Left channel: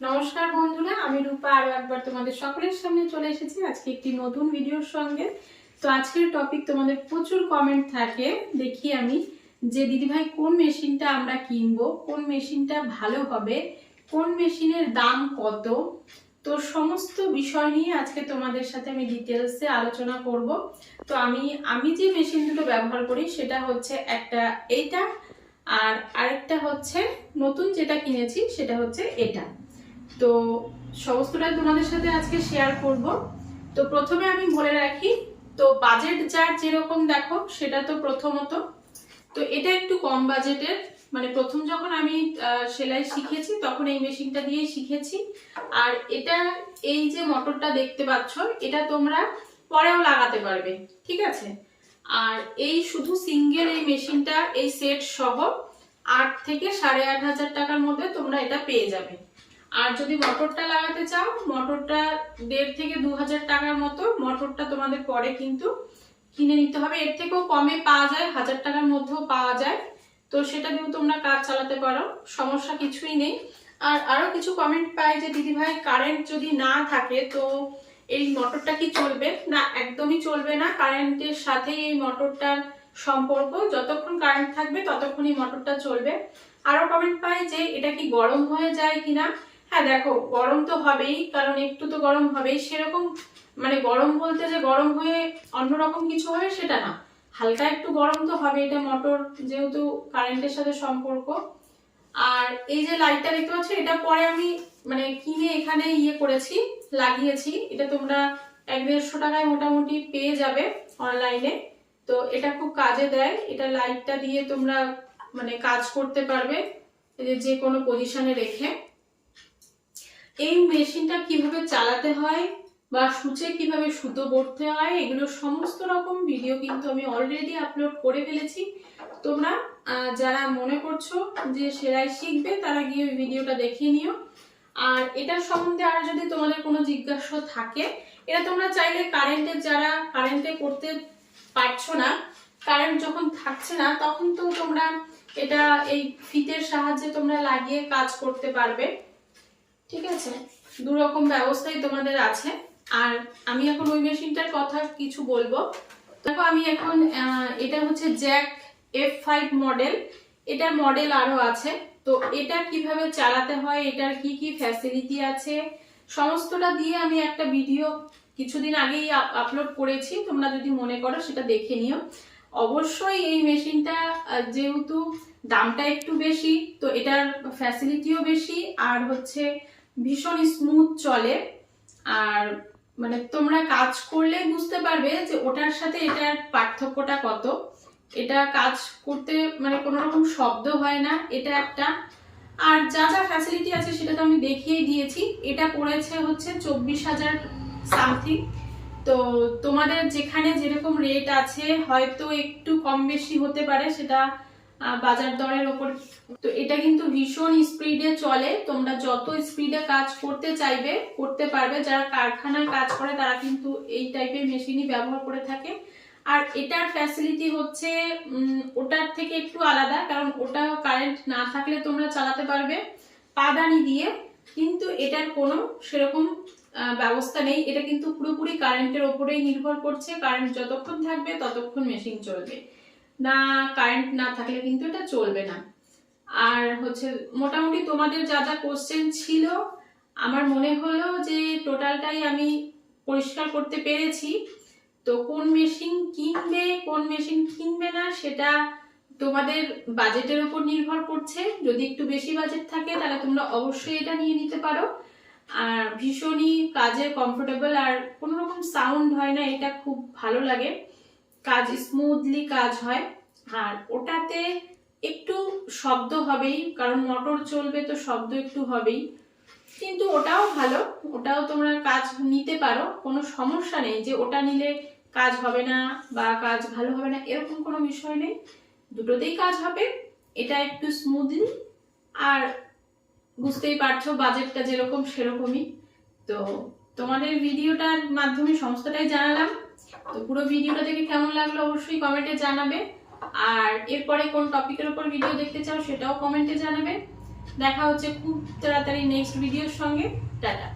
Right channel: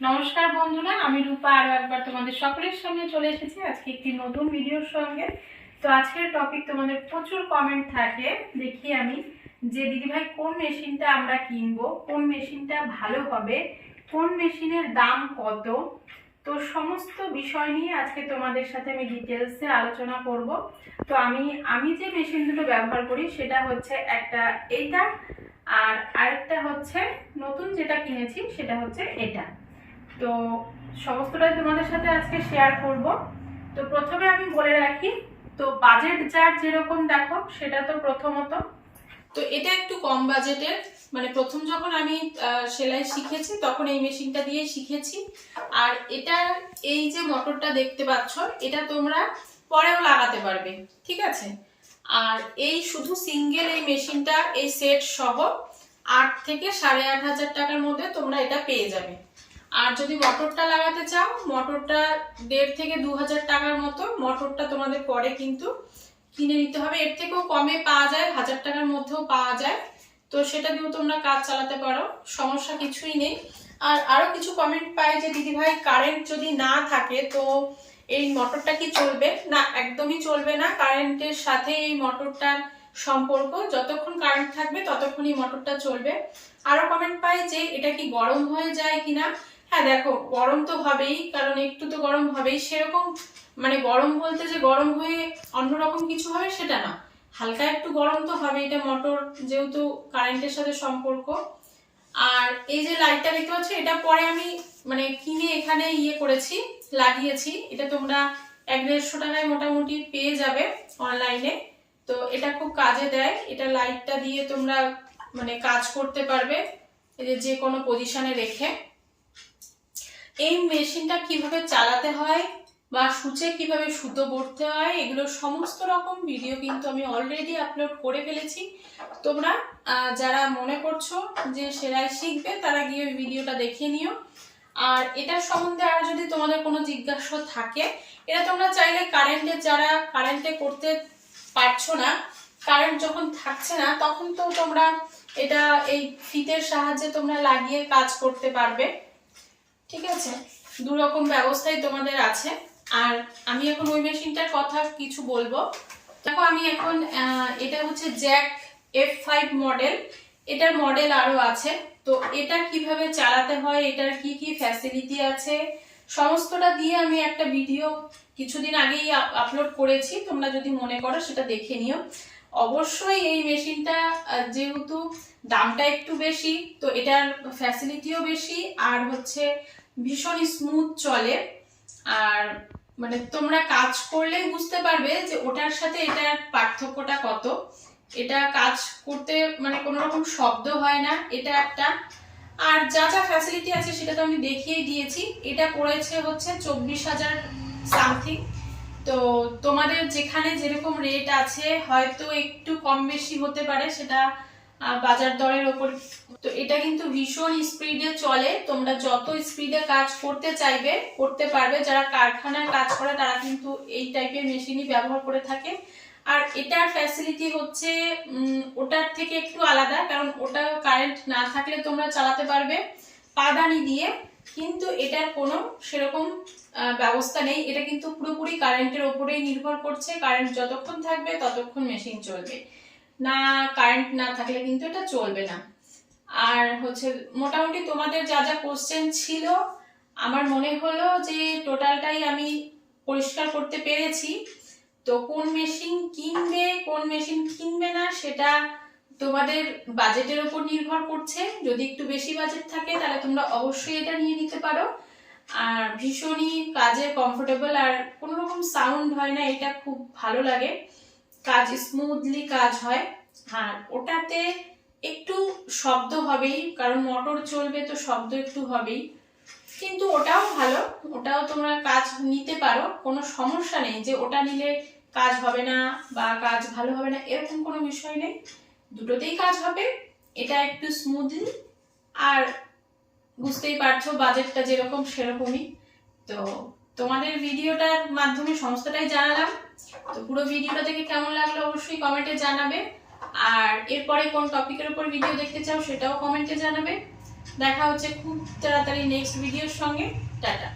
নমস্কার বন্ধুরা, আমি রূপা আরও একবার তোমাদের সকলের সামনে চলে এসেছি। আজকে একটি নতুন ভিডিওর সঙ্গে। তো আজকের টপিক তোমাদের প্রচুর কমেন্ট থাকে। দেখি আমি যে দিদিভাই কোন মেশিনটা আমরা কিনবো, কোন মেশিনটা ভালো হবে, কোন মেশিনের দাম কত? তো সমস্ত বিষয় নিয়ে আজকে তোমাদের সাথে আমি ডিটেলসে আলোচনা করব। তো আমি আমি যে মেশিন দুটো ব্যবহার করি, সেটা হচ্ছে একটা এটা আর আরেকটা হচ্ছে নতুন যেটা কিনেছি, সেটা হচ্ছে এটা। তো সমস্তটাই তোমাদের সাথে আজকে শেয়ার করব। তো প্রথমে আমি বলে রাখি, তো বাজেট যার যেরকম দেখো, সেটা তো প্রথমত। তো এটা একটু কম বাজেটের মানে প্রথম যখন আমি সেলাই শিখেছি, তখন এই মেশিনটা দিয়েই শিখেছি। আর এটা, এই যে মোটরটা দেখতে পাচ্ছ, এটা তোমরা পরেও লাগাতে পারবে, ঠিক আছে? আর এই শুধু সিঙ্গেল এই মেশিনটা এই সেট সহ আট থেকে সাড়ে আট হাজার টাকার মধ্যে তোমরা এটা পেয়ে যাবে। আর যদি মোটরটা লাগাতে চাও, মোটরটা দেড় থেকে দু হাজার টাকার মতো। মোটরটা তোমাদের পরে কিন্তু কিনে নিতে হবে। এর থেকেও কমে পাওয়া যায়, হাজার টাকার মধ্যেও পাওয়া যায়। তো সেটা দিয়েও তোমরা কাজ চালাতে পারো, সমস্যা কিছুই নেই। আর আরও কিছু কমেন্ট পাই যে, দিদিভাই কারেন্ট যদি না থাকে, তো এই মোটরটা কি চলবে? না, একদমই চলবে না। কারেন্টের সাথে এই মোটরটার সম্পর্ক। যতক্ষণ কারেন্ট থাকবে ততক্ষণই মোটরটা চলবে। আরও কমেন্ট পাই যে, এটা কি গরম হয়ে যায় কিনা? হ্যাঁ দেখো, গরম তো হবেই, কারণ একটু তো গরম হবেই। সেরকম মানে গরম বলতে যে গরম হয়ে অন্যরকম কিছু হবে সেটা না। হালকা একটু গরম তো হবে, এটা মোটর যেহেতু কারেন্টের সাথে সম্পর্ক। আর এই যে লাইটটা দেখতে পাচ্ছ, এটা পরে আমি মানে কিনে এখানে ইয়ে করেছি, লাগিয়েছি। এটা তোমরা এক দেড়শো টাকায় মোটামুটি পেয়ে যাবে অনলাইনে তো এটা খুব কাজে দেয়। এটা লাইটটা দিয়ে তোমরা মানে কাজ করতে পারবে যে কোনো পজিশনে রেখে। এই মেশিনটা কীভাবে চালাতে হয় বা সূচে কীভাবে সুতো বড়তে হয়, এগুলো সমস্ত রকম ভিডিও কিন্তু আমি অলরেডি আপলোড করে ফেলেছি। তোমরা যারা মনে করছ যে সেলাই শিখবে, তারা গিয়ে ভিডিওটা দেখে নিও। আর এটার সম্বন্ধে আর যদি তোমাদের কোনো জিজ্ঞাসা থাকে, এটা তোমরা চাইলে কারেন্টের যারা কারেন্টে করতে পারছ না কারেন্ট যখন থাকছে না, তখন তো তোমরা এটা এই ফিতের সাহায্যে তোমরা লাগিয়ে কাজ করতে পারবে। ঠিক আছে? দু রকম ব্যবস্থাই তোমাদের আছে। আর আমি এখন ওই মেশিনটার কথা কিছু বলব। দেখো, আমি এখন এটা হচ্ছে জ্যাক এফ ফাইভ মডেল এটার মডেল আরও আছে। তো এটা কীভাবে চালাতে হয়, এটার কি কি ফ্যাসিলিটি আছে? সমস্তটা দিয়ে আমি একটা ভিডিও কিছুদিন আগেই আপলোড করেছি। তোমরা যদি মনে করো, সেটা দেখে নিও। অবশ্যই এই মেশিনটা যেহেতু দামটা একটু বেশি, তো এটার ফ্যাসিলিটিও বেশি। আর হচ্ছে ভীষণ স্মুথ চলে। আর মানে তোমরা কাজ করলে বুঝতে পারবে যে ওটার সাথে এটার পার্থক্যটা কত। এটা কাজ করতে মানে কোনো রকম শব্দ হয় না, এটা একটা। আর যা যা ফ্যাসিলিটি আছে সেটা তো আমি দেখিয়ে দিয়েছি। এটা পড়েছে হচ্ছে চব্বিশ হাজার সামথিং তো তোমাদের যেখানে যেরকম রেট আছে, হয়তো একটু কম বেশি হতে পারে, সেটা বাজার দরের ওপর। তো এটা কিন্তু ভীষণ স্পিডে চলে। তোমরা যত স্পিডে কাজ করতে চাইবে, করতে পারবে। যারা কারখানায় কাজ করে, তারা কিন্তু এই টাইপের মেশিনই ব্যবহার করে থাকে। আর এটার ফ্যাসিলিটি হচ্ছে ওটার থেকে একটু আলাদা, কারণ ওটা কারেন্ট না থাকলে তোমরা চালাতে পারবে পাদানি দিয়ে। কিন্তু এটার কোনো সেরকম ব্যবস্থা নেই। এটা কিন্তু পুরোপুরি কারেন্টের ওপরেই নির্ভর করছে। কারেন্ট যতক্ষণ থাকবে, ততক্ষণ মেশিন চলবে। না কারেন্ট না থাকলে কিন্তু এটা চলবে না। আর হচ্ছে মোটামুটি তোমাদের যা যা কোশ্চেন ছিল, আমার মনে হলো যে টোটালটাই আমি পরিষ্কার করতে পেরেছি। তো কোন মেশিন কিনবে, কোন মেশিন কিনবে না, সেটা তোমাদের বাজেটের উপর নির্ভর করছে। যদি একটু বেশি বাজেট থাকে, তাহলে তোমরা অবশ্যই এটা নিয়ে নিতে পারো। আর ভীষণই কাজে কমফোর্টেবল আর কোনো রকম সাউন্ড হয় না, এটা খুব ভালো লাগে। কাজ স্মুথলি কাজ হয়। আর ওটাতে একটু শব্দ হবেই, কারণ মোটর চলবে তো শব্দ একটু হবেই। কিন্তু ওটাও ভালো, ওটাও তোমরা কাজ নিতে পারো, কোনো সমস্যা নেই যে ওটা নিলে কাজ হবে না বা কাজ ভালো হবে না, এরকম কোনো বিষয় নেই। দুটোতেই কাজ হবে, এটা একটু স্মুথলি আর বুঝতেই পারছ বাজেটটা যেরকম সেরকমই। তো তোমাদের ভিডিওটার মাধ্যমে সমস্তটাই জানালাম। তো পুরো ভিডিওটা দেখে কেমন লাগল অবশ্যই কমেন্টে জানাবে। আর এরপরে কোন টপিকের উপর ভিডিও দেখতে চাও সেটাও কমেন্টে জানাবে। দেখা হচ্ছে খুব তাড়াতাড়ি নেক্সট ভিডিওর সঙ্গে। টাটা।